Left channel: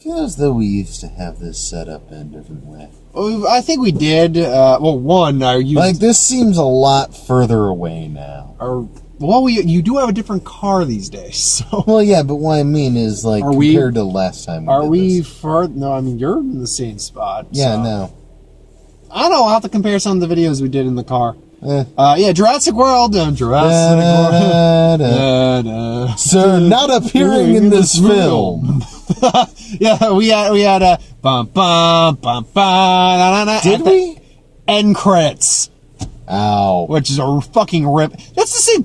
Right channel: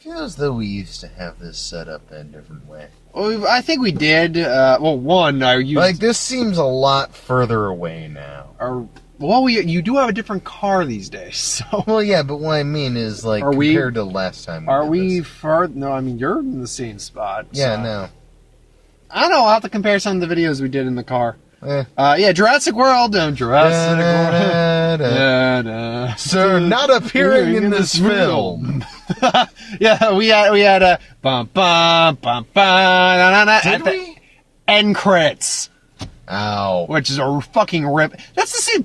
Feels though we used to have this set up in a different way. Well, I think we did. Like, this seems a lot further away now. You do have a different car these days. So. Well, yeah, but what I mean is, like, compared to last time we did this. far? No, I mean, you're in the same spot. Yeah, so. no. I don't know. I'll have to compare some of the videos we did in the car. Jurassic World. Sir, not appearing in this film. Yeah, we had a bum bum bum bum. Did we? End credits. Ow. Which is a fucking rip. That's the same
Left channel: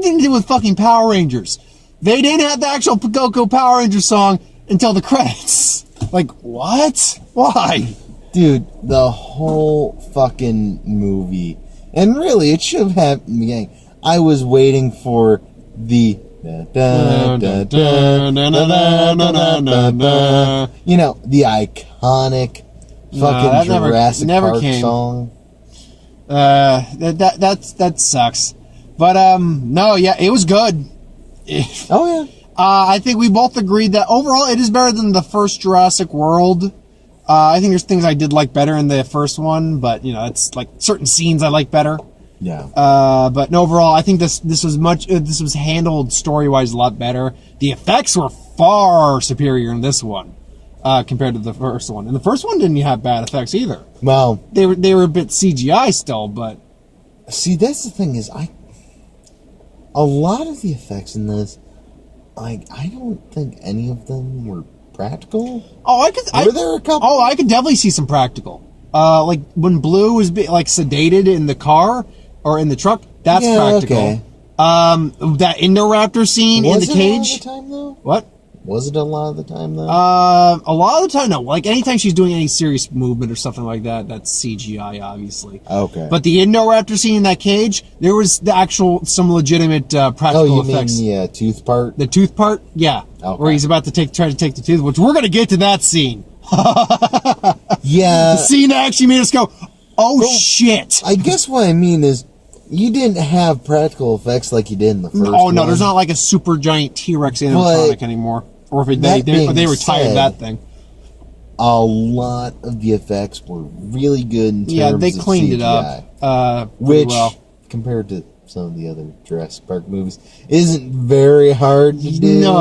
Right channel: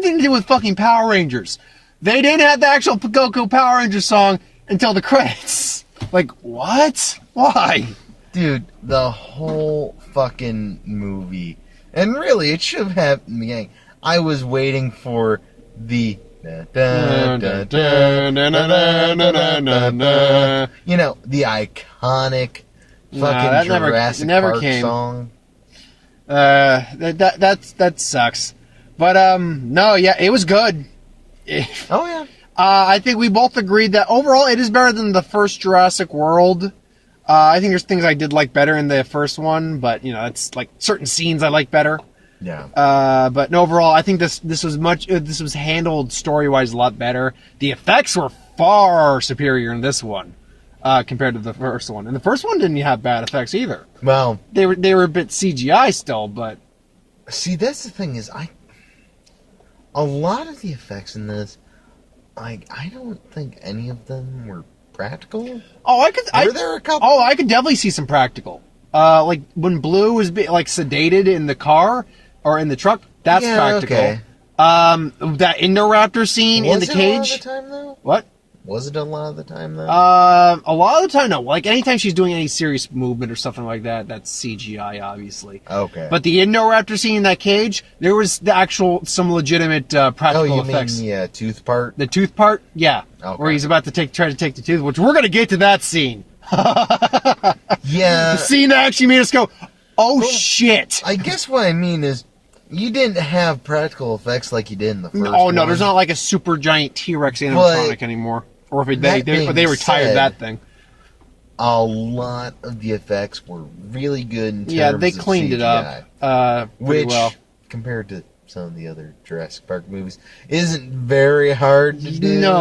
thing to do with fucking Power Rangers. They didn't have the actual Go Power Rangers song until the credits. Like, what? Why? Dude, the whole fucking movie. And really, it should have happened in the beginning. I was waiting for the... You know, the iconic fucking Jurassic Park song. That sucks. But, no, yeah, it was good. Oh, yeah. I think we both agreed that overall it is better than the first Jurassic World. I think there's things I did like better in the first one, but, you know, it's like certain scenes I like better. Yeah. But overall, I think this was handled story-wise a lot better. The effects were far superior in this one, compared to the first one. And the first one didn't have bad effects either. Well, they were a bit CGI still, but... See, that's the thing is, a lot of the effects in this, I don't think any of them were practical. Were there a couple? Oh, I could definitely see some practical. Like when Blue was sedated in the car or in the truck. That's practical. Okay. That Indoraptor scene in the cage. Was it a lot of the time though? What? Was it a lot of the time though? A lot of the time, no. Like anytime she's doing any serious movement or something like that, that's CGI, obviously. Okay. But the Indoraptor scene in that cage, there was some legitimate practical effects. Mean the tooth part? The tooth part, yeah. Okay. Where he's about to try to take the tooth, which we're gonna get to that scene. Yeah. The scene that actually made us go, oh shit. I guess what I mean is, you didn't have practical effects like you did in the first one. Oh no, there's not like a super giant T-Rex animatronic anymore. Or if they retired that thing. A lot of the effects were really good in terms of CGI. Yeah, they cleaned it up. Which, well. compared to some of the other Jurassic Park movies, isn't very hard to do. No,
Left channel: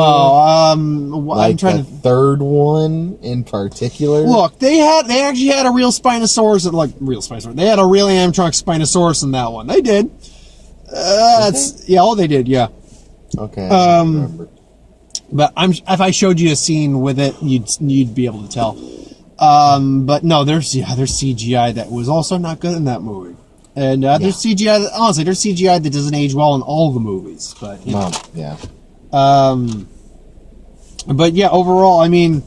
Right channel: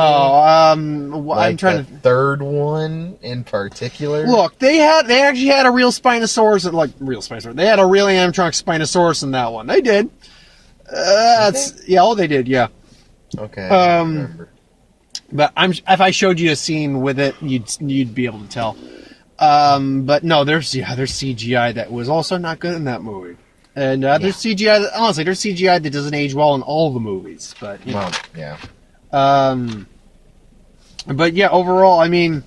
like I'm trying the third one in particular. Look, they actually had a real Spinosaurus, They had a real animatronic Spinosaurus in that one. They did. They did. Yeah. Okay. I don't remember. But if I showed you a scene with it, you'd be able to tell. But no, there's CGI that was also not good in that movie. And there's CGI honestly, there's CGI that doesn't age well in all the movies. But yeah. But yeah, overall, I mean,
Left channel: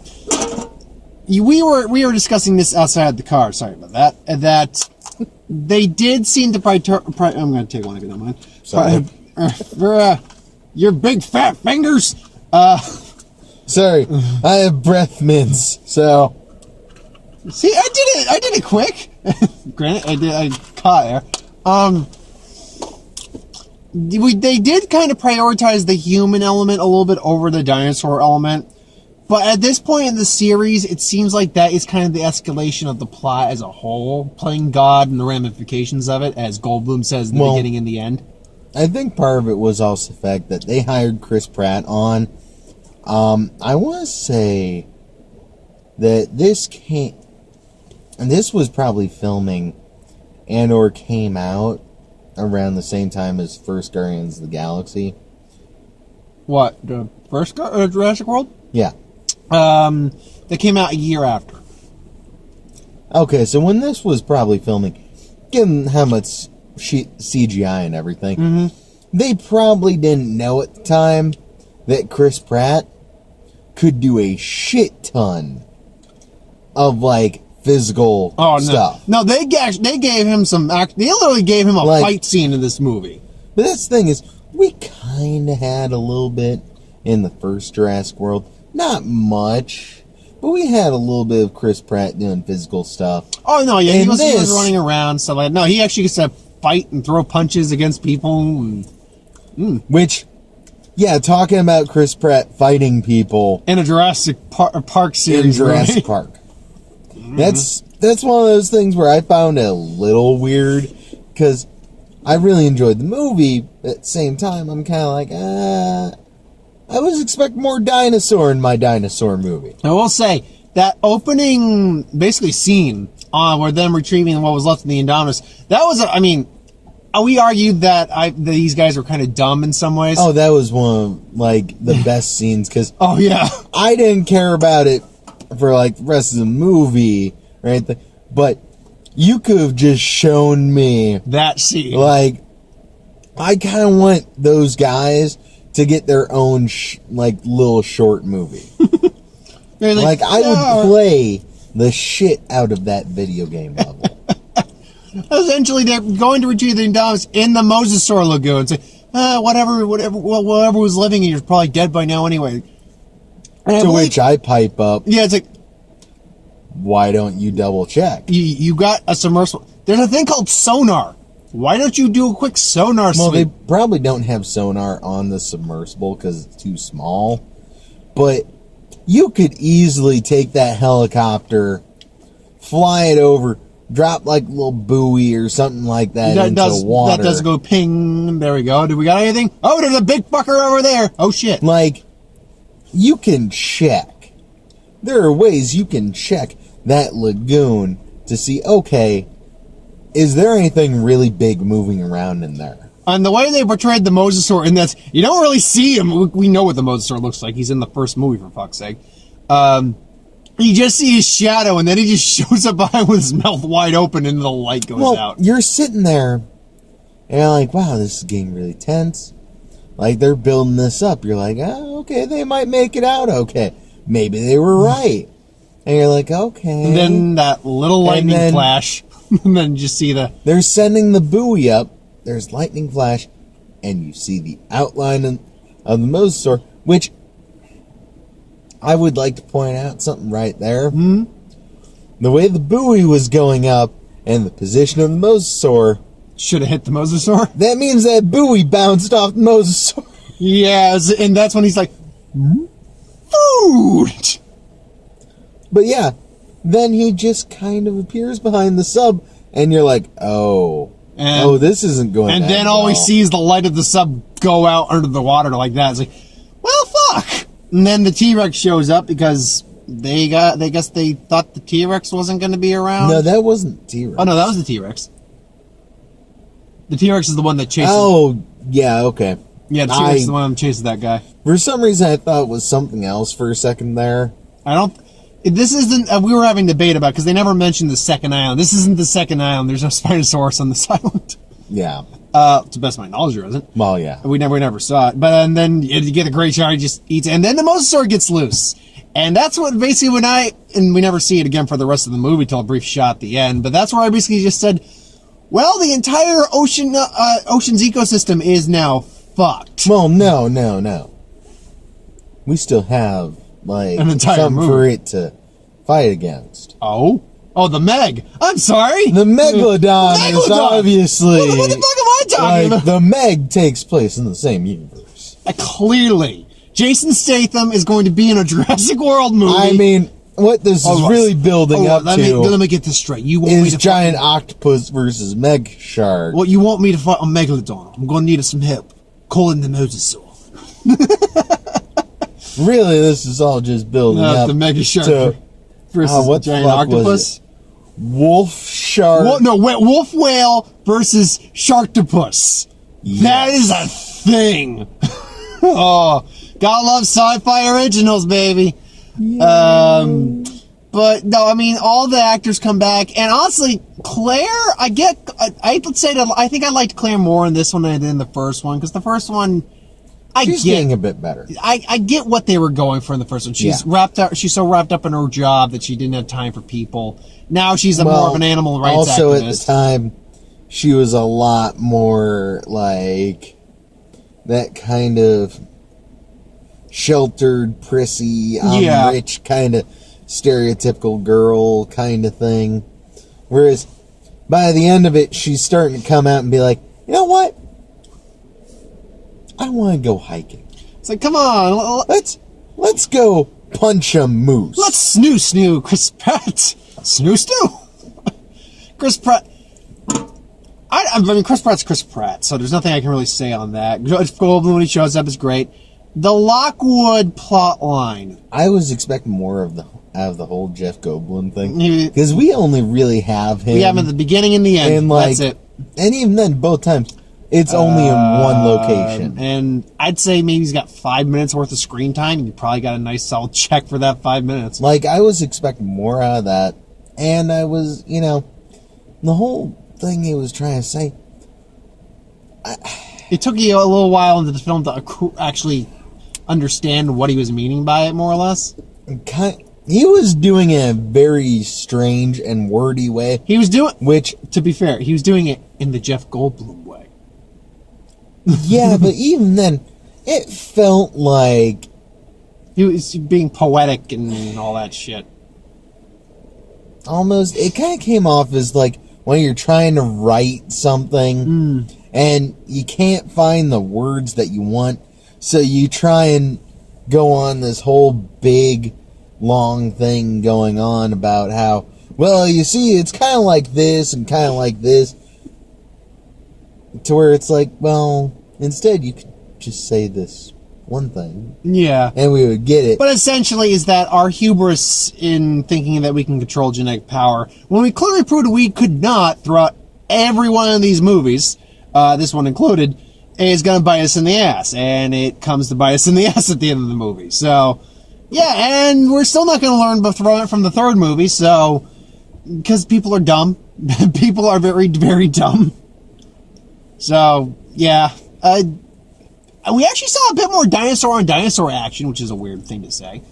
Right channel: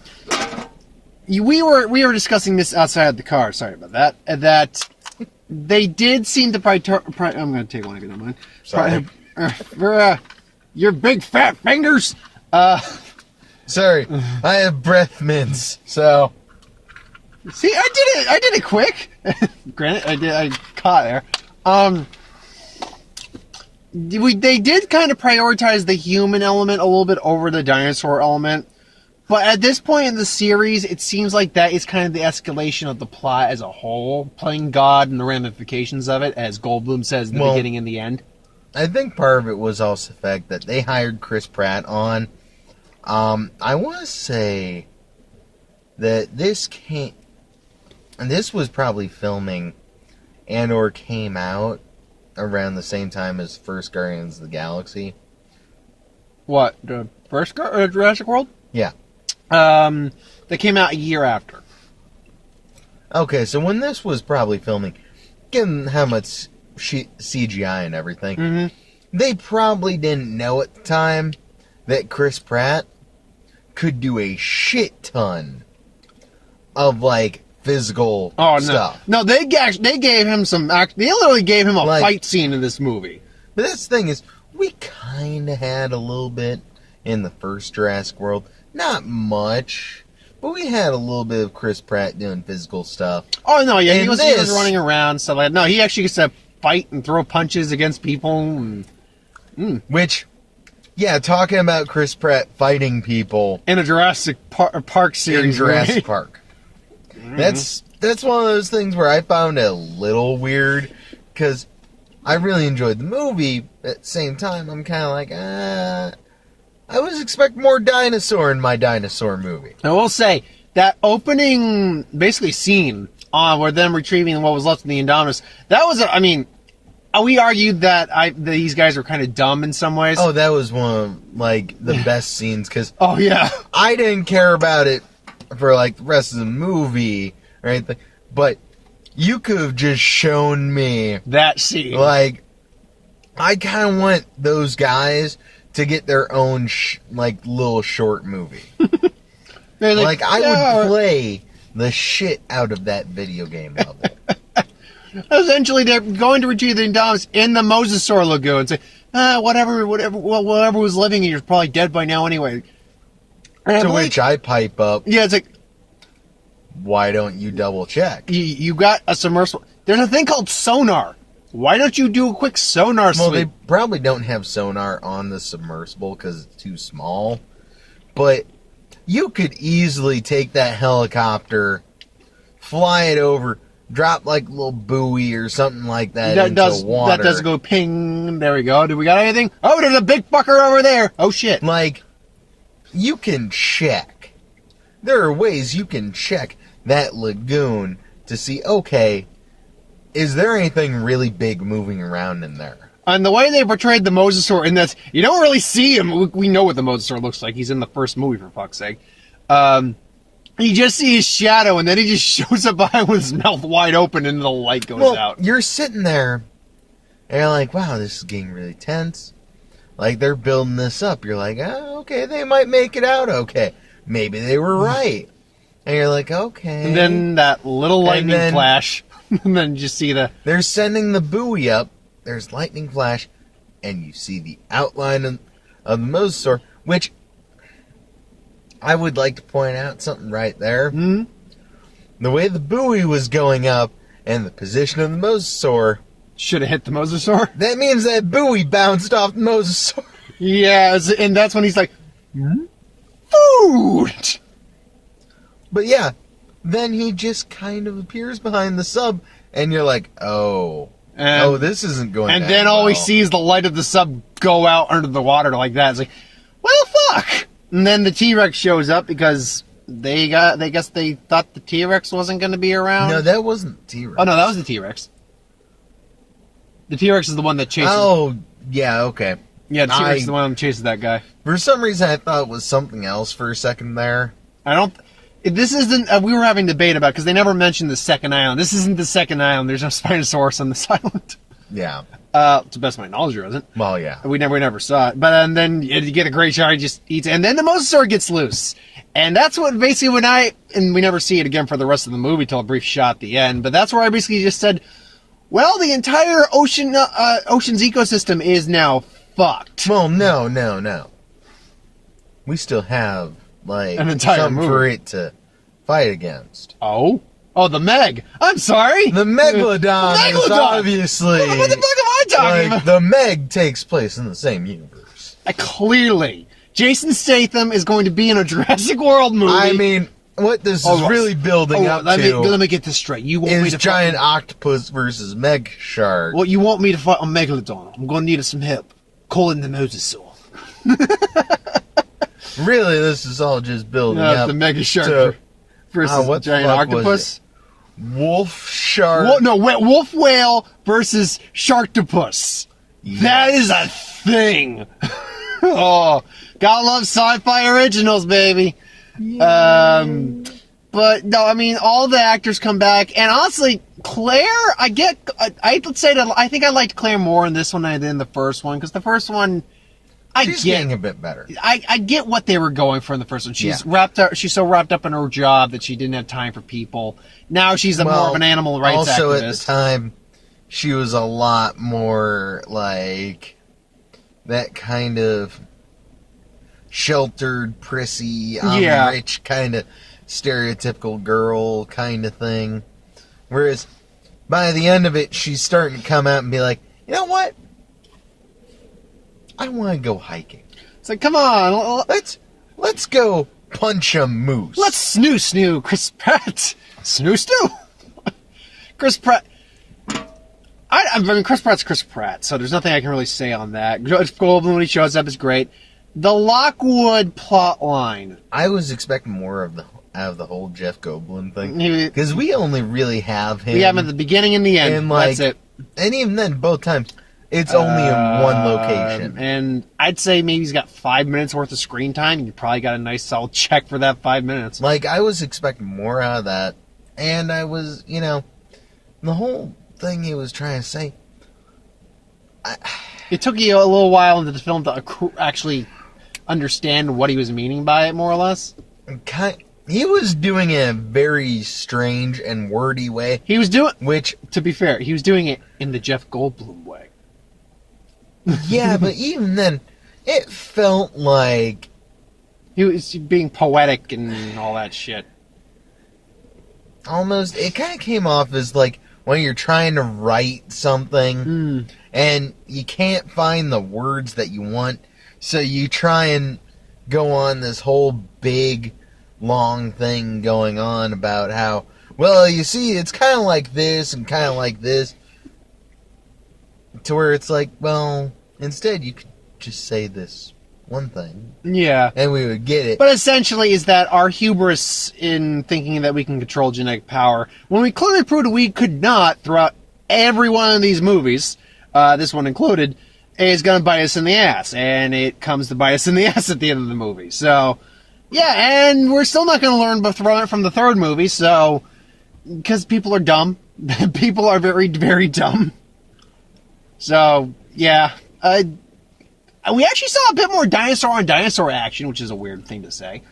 we were discussing this outside the car. Sorry about that. That they did seem to I'm going to take one. If you don't mind. Sorry. For your big fat fingers. Sorry, I have breath mints, so... See, I did it quick. Granted, I caught there. They did kind of prioritize the human element a little bit over the dinosaur element. But at this point in the series, it seems like that is kind of the escalation of the plot as a whole. Playing God and the ramifications of it, as Goldblum says in the beginning and the end. I think part of it was also the fact that they hired Chris Pratt on. I want to say that this was probably filming and or came out around the same time as first Guardians of the Galaxy. What? The first Jurassic World? Yeah. They came out a year after. Okay, so when this was probably filming, given how much CGI and everything, they probably didn't know at the time that Chris Pratt could do a shit ton of, like, physical stuff. No, they gave him some... They literally gave him a fight scene in this movie. But that's the thing is, we kind of had a little bit in the first Jurassic World. Not much, but we had a little bit of Chris Pratt doing physical stuff. Oh, no, yeah, he was running around, stuff like that. No, he actually gets to fight and throw punches against people. Which... Yeah, talking about Chris Pratt fighting people in a Jurassic Park series. in Jurassic right? Park. That's one of those things where I found it a little weird because I really enjoyed the movie. But at the same time, I'm kind of like, I was expecting more dinosaur in my dinosaur movie. I will say that opening, basically scene where them retrieving what was left of the Indominus. That was, we argued that these guys were kind of dumb in some ways. Oh, that was one of like the best scenes because oh yeah, I didn't care about it for like the rest of the movie or anything, but you could have just shown me that scene. Like, I kind of want those guys to get their own little short movie. Like I would play the shit out of that video game level. Essentially, they're going to retrieve the Indominus in the Mosasaur Lagoon. Say, whatever was living here is probably dead by now anyway. And to which I pipe up. Yeah, it's like, why don't you double check? You got a submersible. There's a thing called sonar. Why don't you do a quick sonar sweep? Well, they probably don't have sonar on the submersible because it's too small. But you could easily take that helicopter, fly it over, drop like a little buoy or something like that into water. That does go ping. There we go. Do we got anything? Oh, there's a big fucker over there. Oh, shit. Like, you can check. There are ways you can check that lagoon to see, okay, is there anything really big moving around in there? And the way they portrayed the Mosasaur, and that's, you don't really see him. We know what the Mosasaur looks like. He's in the first movie, for fuck's sake. You just see his shadow, and then he just shows up behind with his mouth wide open, and the light goes out. You're sitting there, and you're like, wow, this is getting really tense. Like, they're building this up. You're like, oh, okay, they might make it out okay. Maybe they were right. And you're like, okay. And then that little lightning flash. And then just see they're sending the buoy up. There's lightning flash. And you see the outline of the Mosasaur. Which, I would like to point out something right there. Mm-hmm. The way the buoy was going up and the position of the Mosasaur. Should have hit the Mosasaur. That means that buoy bounced off the Mosasaur. Yeah, and that's when he's like, food! But yeah, then he just kind of appears behind the sub, and you're like, this isn't going And that then all we see is the light of the sub go out under the water like that. It's like, well, fuck! And then the T-Rex shows up because they guess they thought the T-Rex wasn't going to be around. No, that wasn't T-Rex. Oh, no, that was the T-Rex. The T-Rex is the one that chases... Oh, yeah, okay. Yeah, the T-Rex is the one that chases that guy. For some reason, I thought it was something else for a second there. This isn't... we were having debate about because they never mentioned the second island. This isn't the second island. There's no Spinosaurus on this island. Yeah. To the best of my knowledge, there isn't. Well, yeah. We never saw it. But then you get a great shot, he just eats it. And then the Mosasaur gets loose. And that's what basically and we never see it again for the rest of the movie till a brief shot at the end. But that's where I basically just said, well, the entire ocean's ecosystem is now fucked. Well, no. We still have, like, an entire something movie for it to fight against. Oh, the Meg. I'm sorry. The Megalodon is obviously... What the fuck am I talking about? The Meg takes place in the same universe. Clearly. Jason Statham is going to be in a Jurassic World movie. I mean, what this is really building up let me get this straight. You want is me to giant octopus versus Meg shark. Well, you want me to fight a Megalodon. I'm going to need some help. Calling the Mosasaur. Really, this is all just building up the Mega Shark versus what giant octopus. Wolf shark. Wolf whale versus sharktopus. Yes. That is a thing. Oh, gotta love sci-fi originals, baby. Yeah. But no, I mean, all the actors come back, and honestly, Claire, I think I liked Claire more in this one than I did in the first one, because the first one, She's getting a bit better. I get what they were going for in the first one. She's so wrapped up in her job that she didn't have time for people. Now she's more of an animal rights also activist. At the time, she was a lot more like that kind of sheltered, prissy, rich kind of stereotypical girl kind of thing. Whereas by the end of it, she's starting to come out and be like, you know what? I want to go hiking. It's like, come on, let's go punch a moose. let's snoo Chris Pratt. Snoo. Chris Pratt. I mean, Chris Pratt's Chris Pratt, so there's nothing I can really say on that. Goldblum, when he shows up, is great. The Lockwood plot line. I was expecting more out of the whole Jeff Goldblum thing. He- Because we only really have him. We have him at the beginning and the end. And, like, That's it. And even then, both times, it's only in one location. And I'd say maybe he's got 5 minutes worth of screen time, and you probably got a nice solid check for that 5 minutes. Like, I was expecting more out of that. And I was, the whole thing he was trying to say. It took you a little while into the film to actually understand what he was meaning by it, more or less. He was doing it in a very strange and wordy way. He was doing, Which, to be fair, he was doing it in the Jeff Goldblum way. yeah, but even then, it felt like... He was being poetic and all that shit. Almost, it kind of came off as like when you're trying to write something and you can't find the words that you want, so you try and go on this whole big, long thing going on about how, well, you see, it's kind of like this and kind of like this, to where it's like, well, instead you could just say this one thing. Yeah. And we would get it. But essentially is that our hubris in thinking that we can control genetic power, when we clearly proved we could not throughout every one of these movies, this one included, is going to bite us in the ass. And it comes to bite us in the ass at the end of the movie. So, yeah, and we're still not going to learn from the third movie, so, because people are dumb. People are very, very dumb. So, yeah, we actually saw a bit more dinosaur-on-dinosaur action, which is a weird thing to say,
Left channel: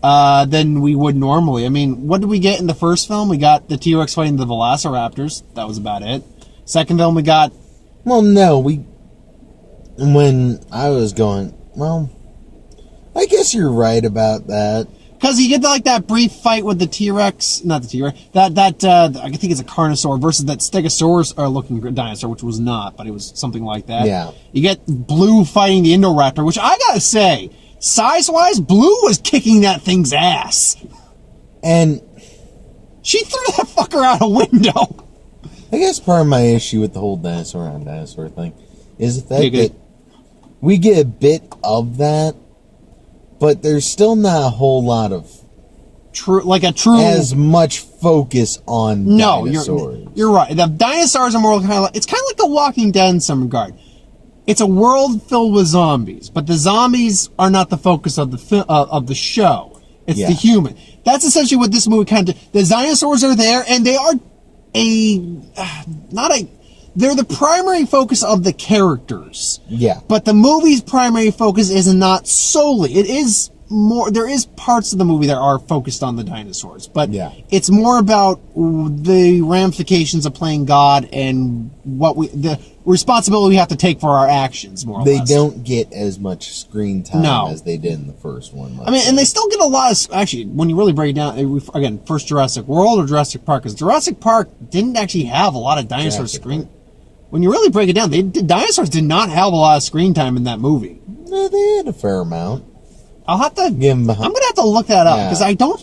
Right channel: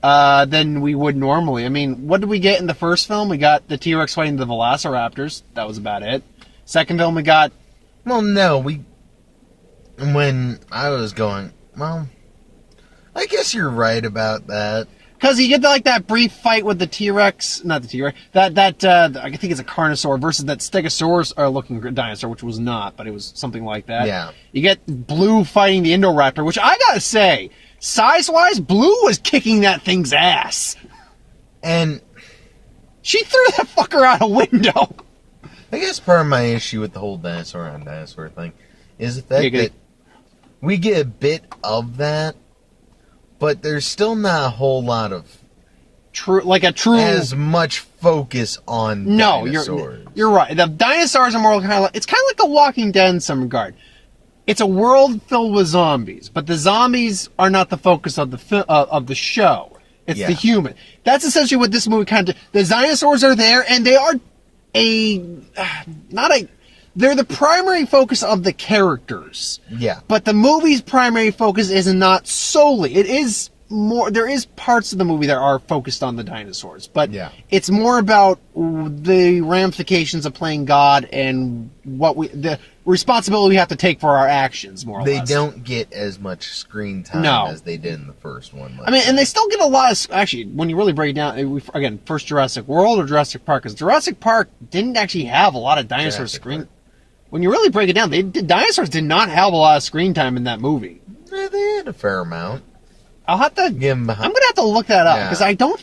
than we would normally. I mean, what did we get in the first film? We got the T-Rex fighting the Velociraptors. That was about it. Second film, we got... Well, no, when I was going, well, I guess you're right about that. Because you get that brief fight with the T-Rex, not the T-Rex, I think it's a Carnosaur versus that Stegosaurus-looking dinosaur, which was not, but it was something like that. Yeah. You get Blue fighting the Indoraptor, which I gotta say, size-wise, Blue was kicking that thing's ass. And she threw that fucker out a window. I guess part of my issue with the whole dinosaur-on-dinosaur thing is the fact that we get a bit of that, but there's still not a whole lot of as much focus on dinosaurs. You're right. The dinosaurs are more it's kind of like The Walking Dead in some regard. It's a world filled with zombies, but the zombies are not the focus of the show. It's the human. That's essentially what this movie kind of. The dinosaurs are there, and they are they're the primary focus of the characters. Yeah. But the movie's primary focus is not solely. It is more, there is parts of the movie that are focused on the dinosaurs, but it's more about the ramifications of playing God and the responsibility we have to take for our actions, more or less. They don't get as much screen time as they did in the first one. I mean, and they still get a lot of, actually, when you really break it down, again, first Jurassic World or Jurassic Park, because Jurassic Park didn't actually have a lot of dinosaur screen. When you really break it down, dinosaurs did not have a lot of screen time in that movie. No, they had a fair amount. I'll have to. I'm gonna have to look that up because I don't.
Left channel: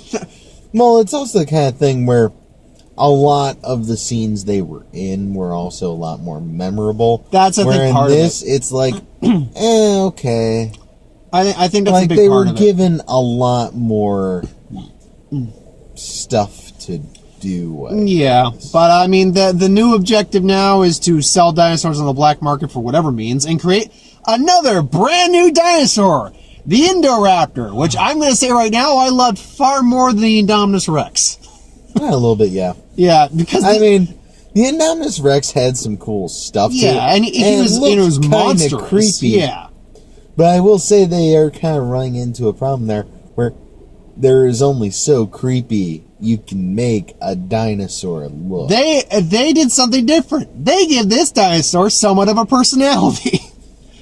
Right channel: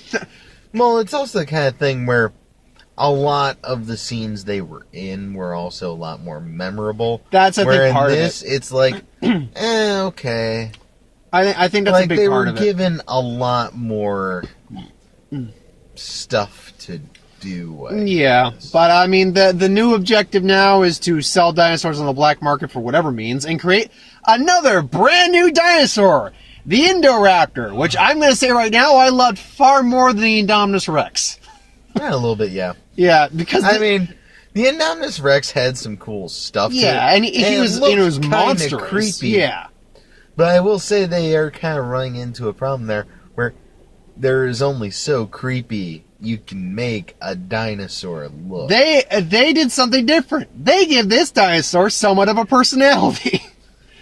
Well, it's also the kind of thing where a lot of the scenes they were in were also a lot more memorable. That's a big part of it. It's like, okay. I think that's a big part of it. They were given a lot more stuff to do. But I mean, the new objective now is to sell dinosaurs on the black market for whatever means and create another brand new dinosaur. The Indoraptor, which I'm going to say right now, I loved far more than the Indominus Rex. Yeah, a little bit, yeah. Yeah, because... I mean, the Indominus Rex had some cool stuff to it. Yeah, and he was monstrous. Creepy. Yeah. But I will say they are kind of running into a problem there, where there is only so creepy you can make a dinosaur look. They did something different. They give this dinosaur somewhat of a personality.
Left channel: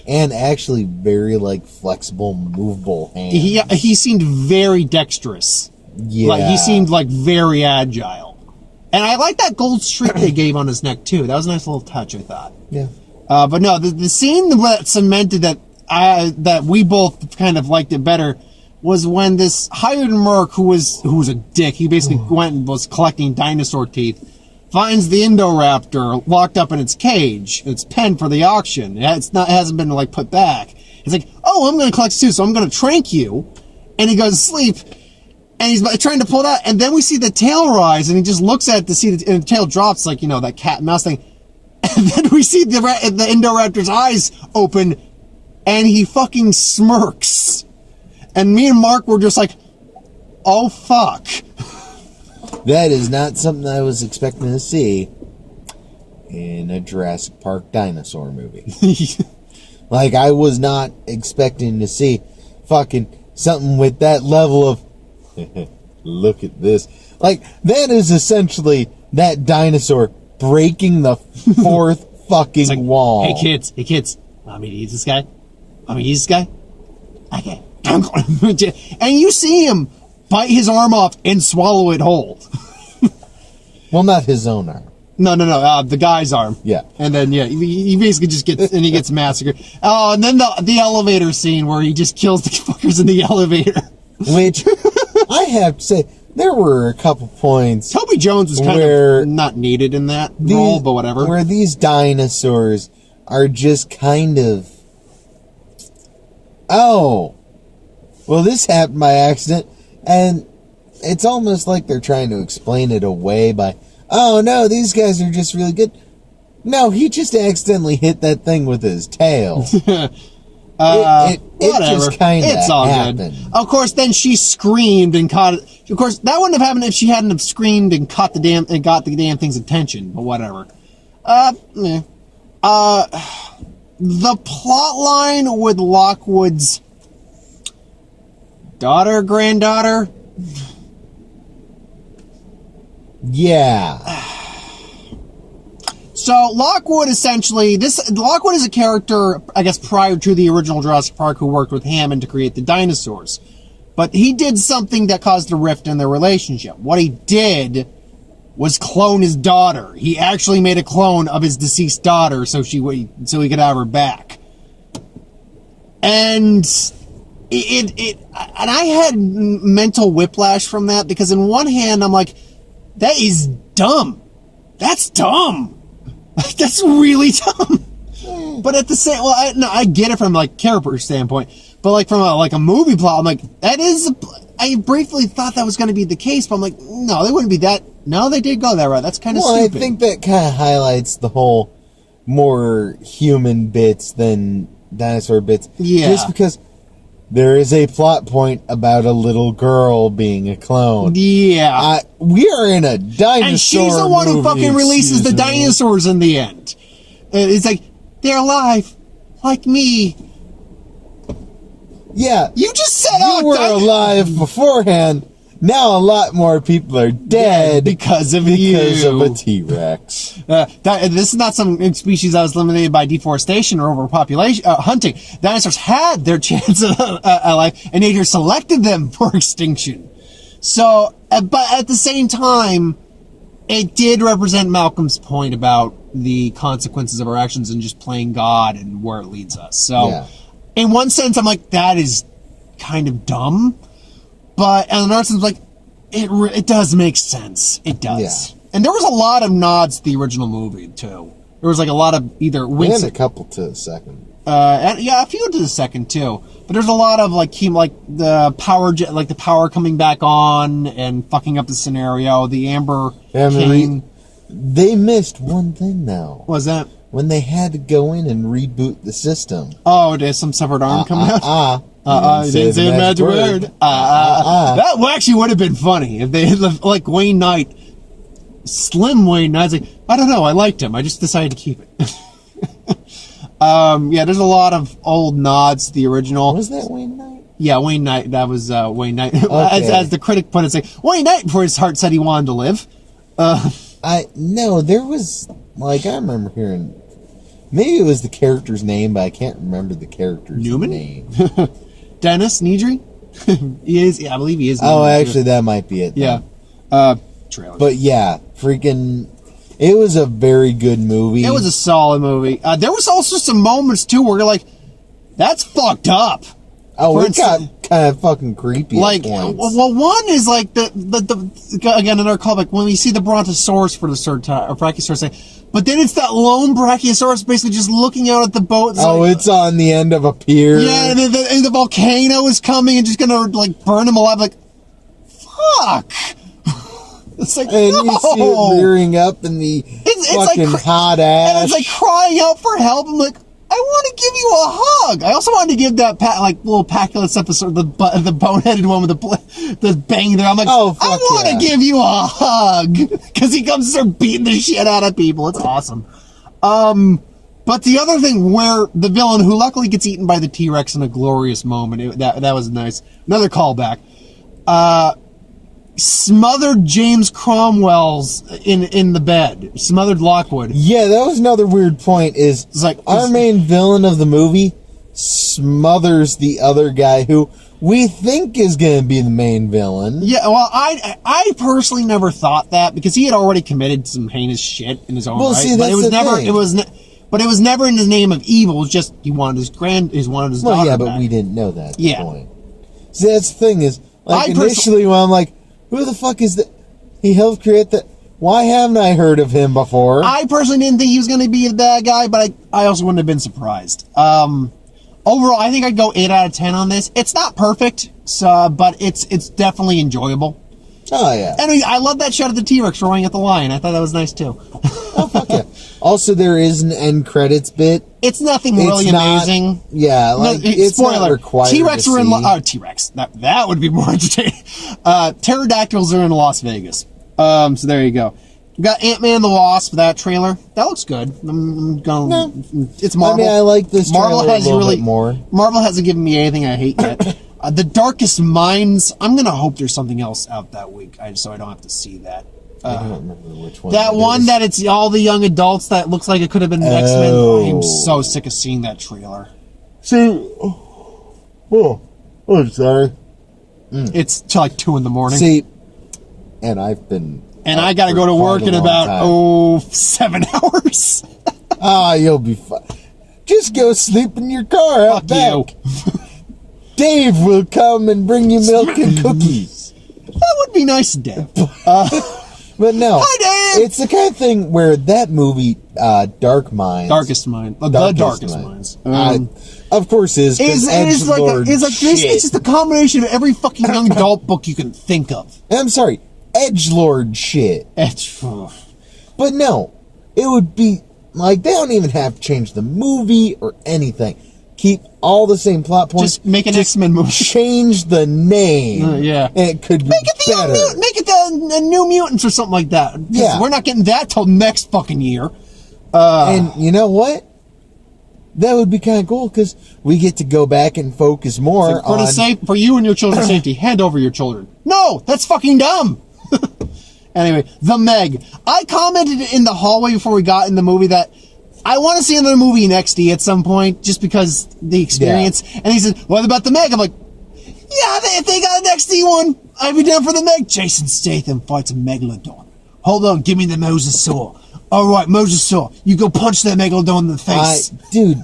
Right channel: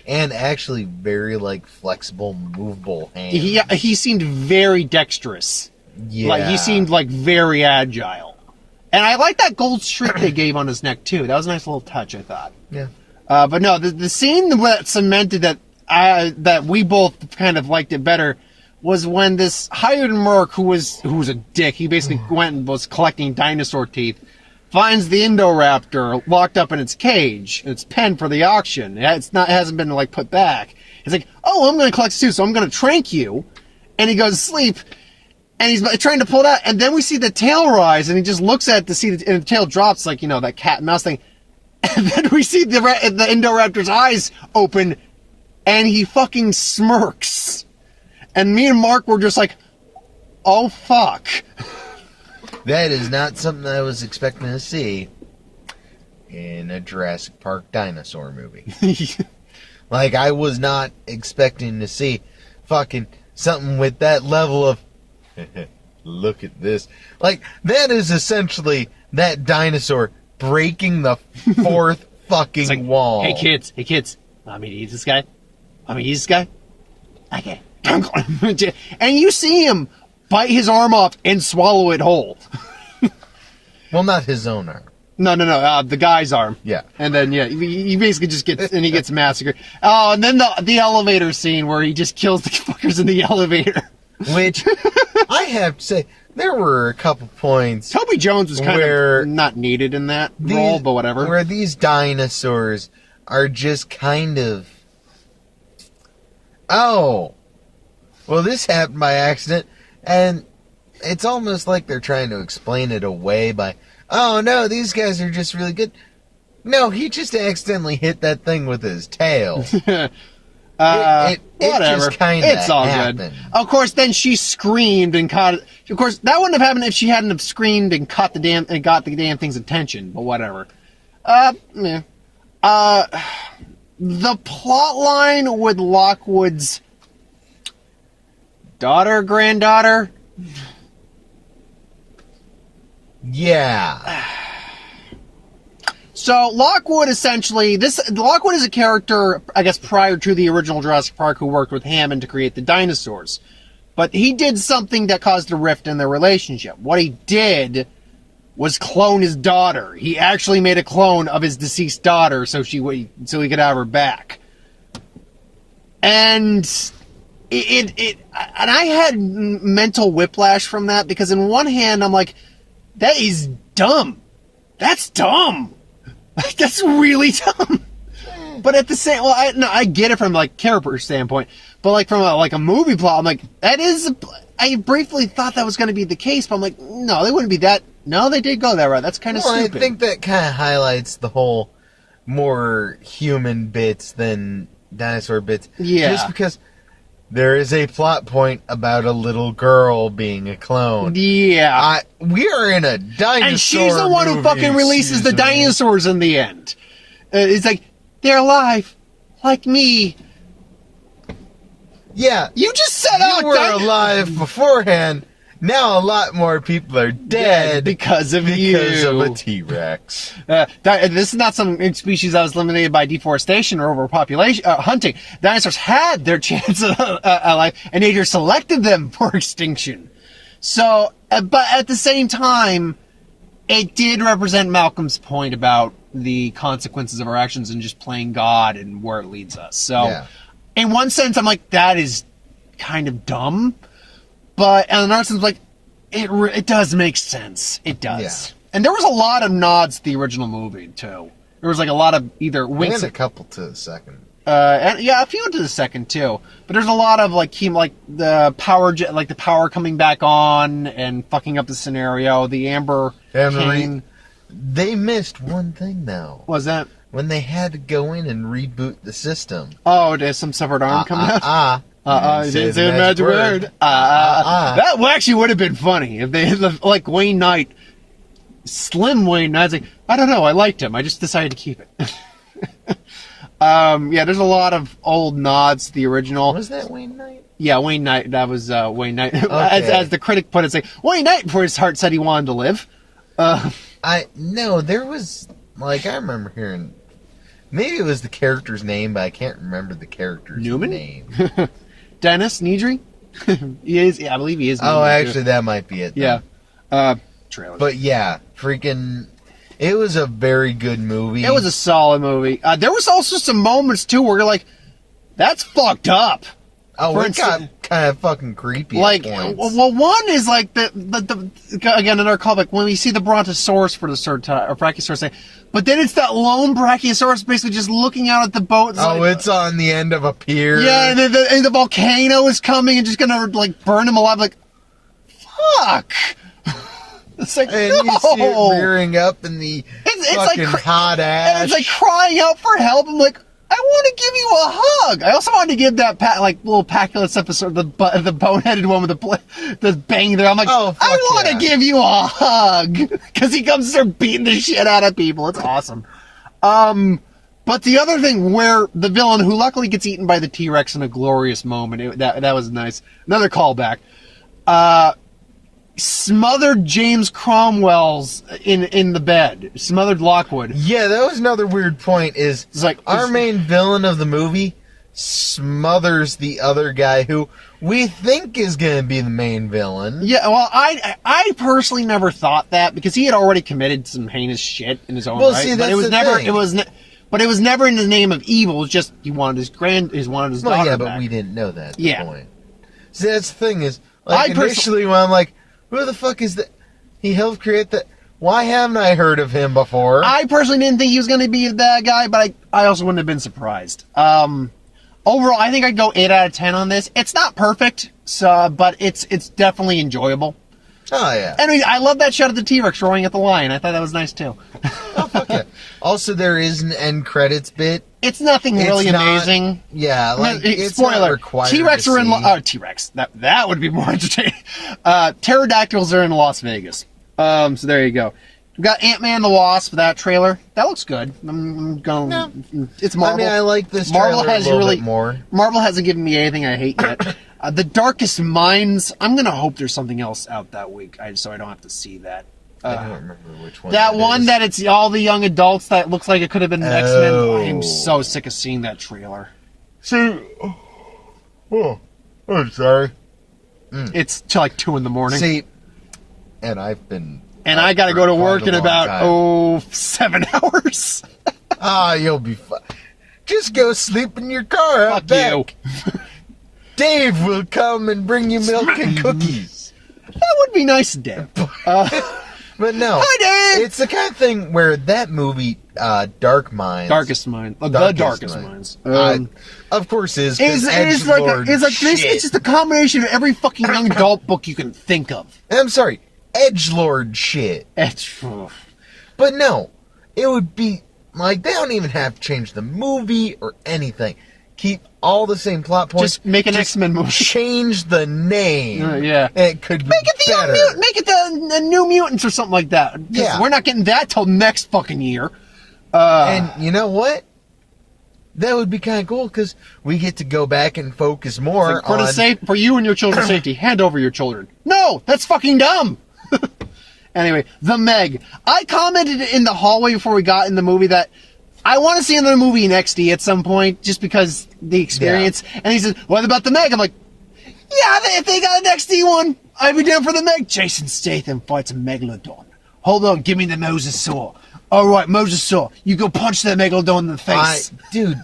And actually very, flexible, movable hands. He seemed very dexterous. Yeah. He seemed, very agile. And I like that gold streak they gave on his neck, too. That was a nice little touch, I thought. Yeah. But no, the scene that cemented that that we both kind of liked it better was when this hired merc who was a dick. He basically went and was collecting dinosaur teeth. Finds the Indoraptor locked up in its cage, its pen for the auction. It hasn't been like put back. He's like, "Oh, I'm going to collect too, so I'm going to trank you." And he goes to sleep, and he's trying to pull it out. And then we see the tail rise, and he just looks at it to see and the tail drops, like that cat and mouse thing. And then we see the Indoraptor's eyes open, and he fucking smirks. And me and Mark were just like, "Oh fuck." That is not something I was expecting to see in a Jurassic Park dinosaur movie. Like, I was not expecting to see fucking something with that level of, look at this. Like, that is essentially that dinosaur breaking the fourth fucking wall. Hey kids, want me to use this guy? Okay. And you see him bite his arm off and swallow it whole. Well, not his own arm. No, the guy's arm. Yeah. And then, he basically just gets massacred. Oh, and then the elevator scene where he just kills the fuckers in the elevator. Which, I have to say, there were a couple points. Toby Jones was kind of not needed in that role, but whatever. Where these dinosaurs are just kind of, oh, well, this happened by accident, and it's almost like they're trying to explain it away by, oh no, these guys are just really good. No, he just accidentally hit that thing with his tail. It just kind of happened. Good. Of course, then she screamed and caught it. Of course, that wouldn't have happened if she hadn't have screamed and got the damn thing's attention. But whatever. The plot line with Lockwood's granddaughter. Yeah. So Lockwood essentially, Lockwood is a character, I guess, prior to the original Jurassic Park, who worked with Hammond to create the dinosaurs. But he did something that caused a rift in their relationship. What he did was clone his daughter. He actually made a clone of his deceased daughter so he could have her back. And and I had mental whiplash from that, because in one hand I'm like, that is dumb. That's dumb. That's really dumb. But at the same, I get it from like character standpoint, but like from a movie plot, I'm like, I briefly thought that was going to be the case, but I'm like, no, they wouldn't be that. No, they did go that route. That's kind of stupid. I think that kind of highlights the whole more human bits than dinosaur bits. Yeah. Just because there is a plot point about a little girl being a clone. Yeah. We are in a dinosaur and she's the one who fucking releases the dinosaurs in the end. It's like, they're alive, like me. Yeah. You just said you were alive beforehand. Now a lot more people are dead because of a T-Rex. This is not some species that was eliminated by deforestation or overpopulation hunting. Dinosaurs had their chance of life, and nature selected them for extinction. So, but at the same time, it did represent Malcolm's point about the consequences of our actions and just playing God and where it leads us. So, in one sense, I'm like, that is kind of dumb. But in another sense, like, it does make sense. It does. Yeah. And there was a lot of nods to the original movie, too. There was like a lot of either winks. And a couple to the second. A few to the second, too. But there's a lot of like the power coming back on and fucking up the scenario. The Amber King. They missed one thing now. What was that? When they had to go in and reboot the system. Oh, there's some severed arm coming out? You didn't say the magic word. That actually would have been funny if they had, like, Wayne Knight, Slim Wayne Knight's like, I don't know, I liked him. I just decided to keep it. There's a lot of old nods to the original. Was that Wayne Knight? Yeah, Wayne Knight. That was Wayne Knight. Okay. As the critic put it, say, Wayne Knight, before his heart said he wanted to live. No, there was, like, I remember hearing, maybe it was the character's name, but I can't remember the character's name. Dennis Nedry? He is, I believe he is. Oh, actually, that might be it. Then. Yeah. Trailer. But yeah, freaking, it was a very good movie. It was a solid movie. There was also some moments, too, where you're like, That's fucked up. Oh, For it got instance, kind of fucking creepy like, at points. well, one is like again, another callback, when we see the Brontosaurus for the third time, or Brachiosaurus, but then it's that lone Brachiosaurus basically just looking out at the boat. It's on the end of a pier. Yeah, and the volcano is coming and just gonna, like, burn him alive. Like, fuck! It's like, and you see it rearing up in the fucking like, hot ash. And it's like crying out for help. I'm like, I want to give you a hug. I also wanted to give that little Paculus episode, the boneheaded one with the bang there. I'm like, oh, fuck I want to give you a hug because he comes to start beating the shit out of people. It's awesome. But the other thing where the villain, who luckily gets eaten by the T-Rex in a glorious moment, that was nice. Another callback. Smothered James Cromwell's in the bed. Smothered Lockwood. Yeah, that was another weird point. It's like our main villain of the movie smothers the other guy who we think is going to be the main villain. Yeah, well, I personally never thought that because he had already committed some heinous shit in his own right. See, that's the thing. But it was never in the name of evil. It was just he wanted his daughter. Well, yeah, but back. we didn't know that at the point. See, that's the thing is, like, I initially when I'm like, who the fuck is that? He helped create that. Why haven't I heard of him before? I personally didn't think he was going to be the bad guy, but I also wouldn't have been surprised. Overall, I think I'd go 8 out of 10 on this. It's not perfect, but it's definitely enjoyable. Oh, yeah. Anyway, I love that shot of the T-Rex roaring at the lion. I thought that was nice, too. Oh, fuck yeah. Also, there is an end credits bit. It's nothing really amazing. Yeah, like, it's not required T-Rex to are in... see. T-Rex. That would be more entertaining. Pterodactyls are in Las Vegas. So there you go. We got Ant-Man the Wasp, that trailer. That looks good. I'm going... No. It's Marvel. I mean, I like this trailer a little bit more. Marvel hasn't given me anything I hate yet. The Darkest Minds, I'm going to hope there's something else out that week, so I don't have to see that. I don't remember which one. That one is. That it's all the young adults that looks like it could have been X-Men. I'm so sick of seeing that trailer. See, sorry. It's till like 2 in the morning. See, and I've been... And I got to go to work in about, 7 hours. You'll be fine. Just go sleep in your car out back. You. Dave will come and bring you milk and cookies. That would be nice, Dave. But no. Hi, Dave! It's the kind of thing where that movie, Darkest Minds. The Darkest Minds. Of course is, because edgelord it's just a combination of every fucking young adult book you can think of. I'm sorry. Edgelord shit. But no. It would be, like, they don't even have to change the movie or anything. Keep all the same plot points. Just make an X-Men movie. Change the name. Yeah. And it could be better. Make it the New Mutants or something like that. Yeah. We're not getting that till next fucking year. And you know what? That would be kind of cool because we get to go back and focus more for you and your children's safety. Hand over your children. No, that's fucking dumb. Anyway, The Meg. I commented in the hallway before we got in the movie that I want to see another movie in XD at some point, just because the experience. Yeah. And he says, what about The Meg? I'm like, yeah, if they got an XD one, I'd be down for The Meg. Jason Statham fights a Megalodon. Hold on, give me the Mosasaur. All right, Mosasaur, you go punch that Megalodon in the face. Dude,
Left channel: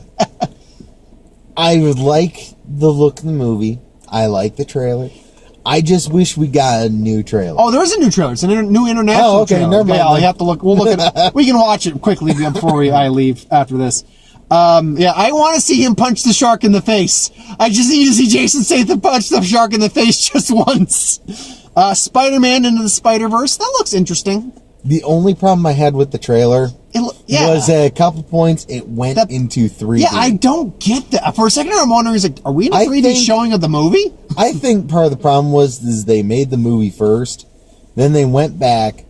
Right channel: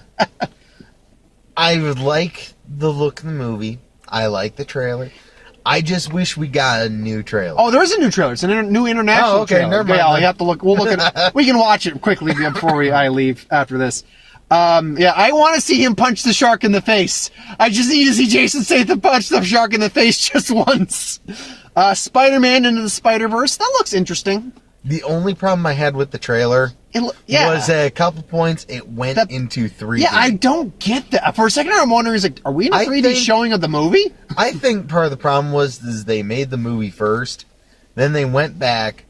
I would like the look of the movie. I like the trailer. I just wish we got a new trailer. Oh, there is a new trailer. It's a new international trailer. Never mind. Yeah, I have to look. We'll look at. We can watch it quickly before I leave after this. Yeah, I want to see him punch the shark in the face. I just need to see Jason Statham punch the shark in the face just once. Spider-Man into the Spider-Verse. That looks interesting. The only problem I had with the trailer was at a couple points it went into 3D. Yeah, I don't get that. For a second, I'm wondering, are we in a 3D showing of the movie? I think part of the problem was they made the movie first, then they went back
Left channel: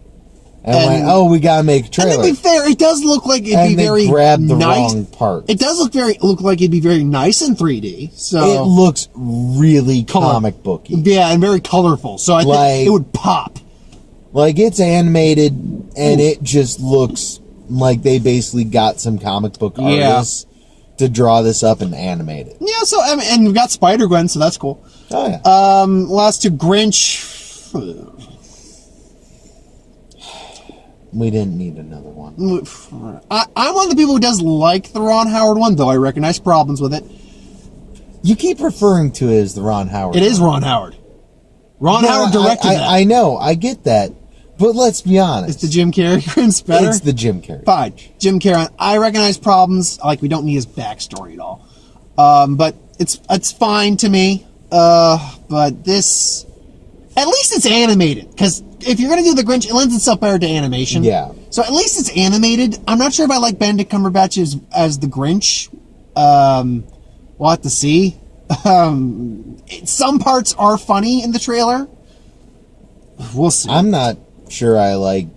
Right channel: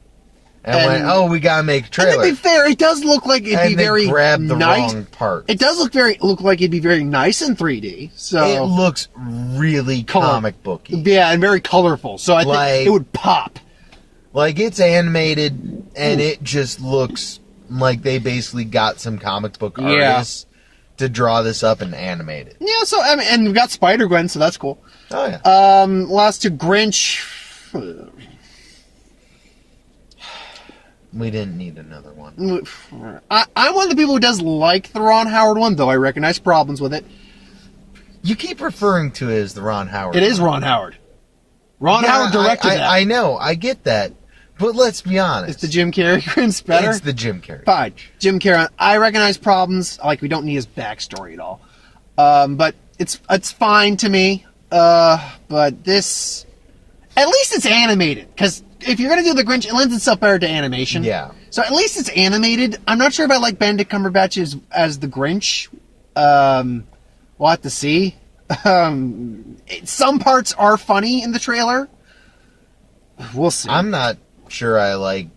and went, we gotta make a trailer. And to be fair, it does look like it'd be very nice. Grabbed the wrong part. It does look like it'd be very nice in 3D. So it looks really comic booky. Yeah, and very colorful. So I think it would pop. Like, it's animated, and it just looks like they basically got some comic book artists to draw this up and animate it. Yeah, so, I mean, and we've got Spider-Gwen, so that's cool. Oh, yeah. Last two, Grinch. We didn't need another one. I'm one of the people who does like the Ron Howard one, though I recognize problems with it. You keep referring to it as the Ron Howard. It is Ron Howard. Ron Howard directed that. I know, I get that. But let's be honest. It's the Jim Carrey Grinch better? It's the Jim Carrey. Fine. Jim Carrey. I recognize problems. Like, we don't need his backstory at all. But it's fine to me. But this... At least it's animated. Because if you're going to do the Grinch, it lends itself better to animation. Yeah. So at least it's animated. I'm not sure if I like Benedict Cumberbatch as the Grinch. We'll have to see. Some parts are funny in the trailer. We'll see. I'm not sure I like